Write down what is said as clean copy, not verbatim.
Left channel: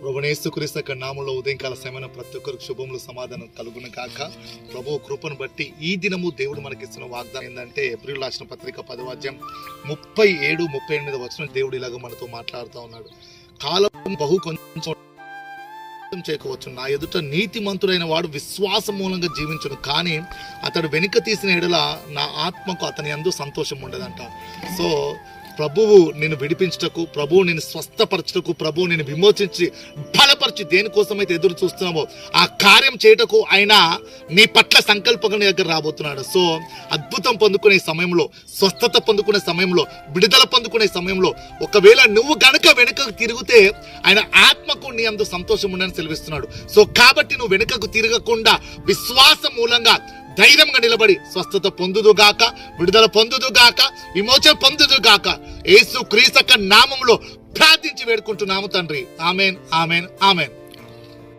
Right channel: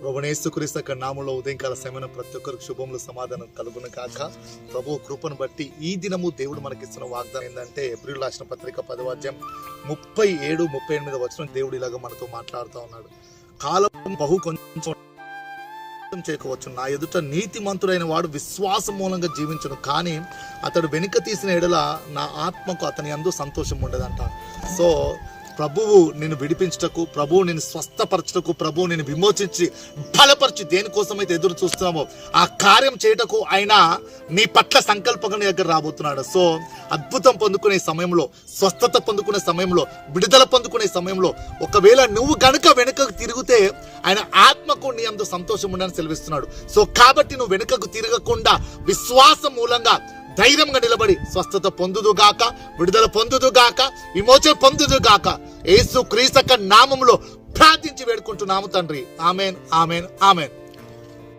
ప్రభునేసుక్రీస్తు యొక్క నామములో ఉదయకాల సమయం ప్రతి ఒక్కరికి శుభములు సమాధానం కలుగును కాక. ప్రభు కృపను బట్టి ఈ దినము దేవుడు మనకిస్తున్న వాగ్దానం ఏంటంటే ఏప్రిల్ రాసిన పత్రిక 10వ అధ్యాయం 37-38 వచనం దేవుడు ఇలాగ మనతో మాట్లాడుతూ ఉన్నాడు. కాలం బహు కొంచెం చేయవచ్చు, నా ఎదుట నీతిమంతుడైన వాడు విశ్వాసం మూలంగా జీవించును, కానీ అతడు వెనుక తీసిన ఎడల నా ఆత్మకు అతని యందు సంతోషం ఉండదంట. సో ప్రభువు నిన్ను విడిపించుటకు, ప్రభువు నిన్ను స్వస్థపరచుటకు, ప్రభువు నిన్ను విమోచించి బలపరిచి దేనికోసమైతే ఎదురు చూస్తున్నామో ఆ కార్యం చేయటకు ఆయన నీ పట్ల సంకల్పంగా నీ దగ్గర రాబోతున్నాడు. సో అద్భుతం పొందుకునే సమయంలో, స్వస్థత పొందుకునే సమయంలో, విడుదల పొందుకునే సమయంలో ఒకవేళ నువ్వు గనుక వెనుకకు తిరిగితే ఆయన ఆత్మకు నీ అందు సంతోషం ఉండని సెలవిస్తున్నాడు. సో కాబట్టి నువ్వు వెనుకకు తిరగకుండా విశ్వాసం మూలంగా ధైర్యంగా నిలబడి స్వస్థత పొందుదుగాక, విడుదల పొందుదుగాక, విమోచన పొందుదుగాక. యేసు క్రీస్తు నామములో ప్రార్థించి వేడుకుంటున్నాము తండ్రి. Amen, amen, amen.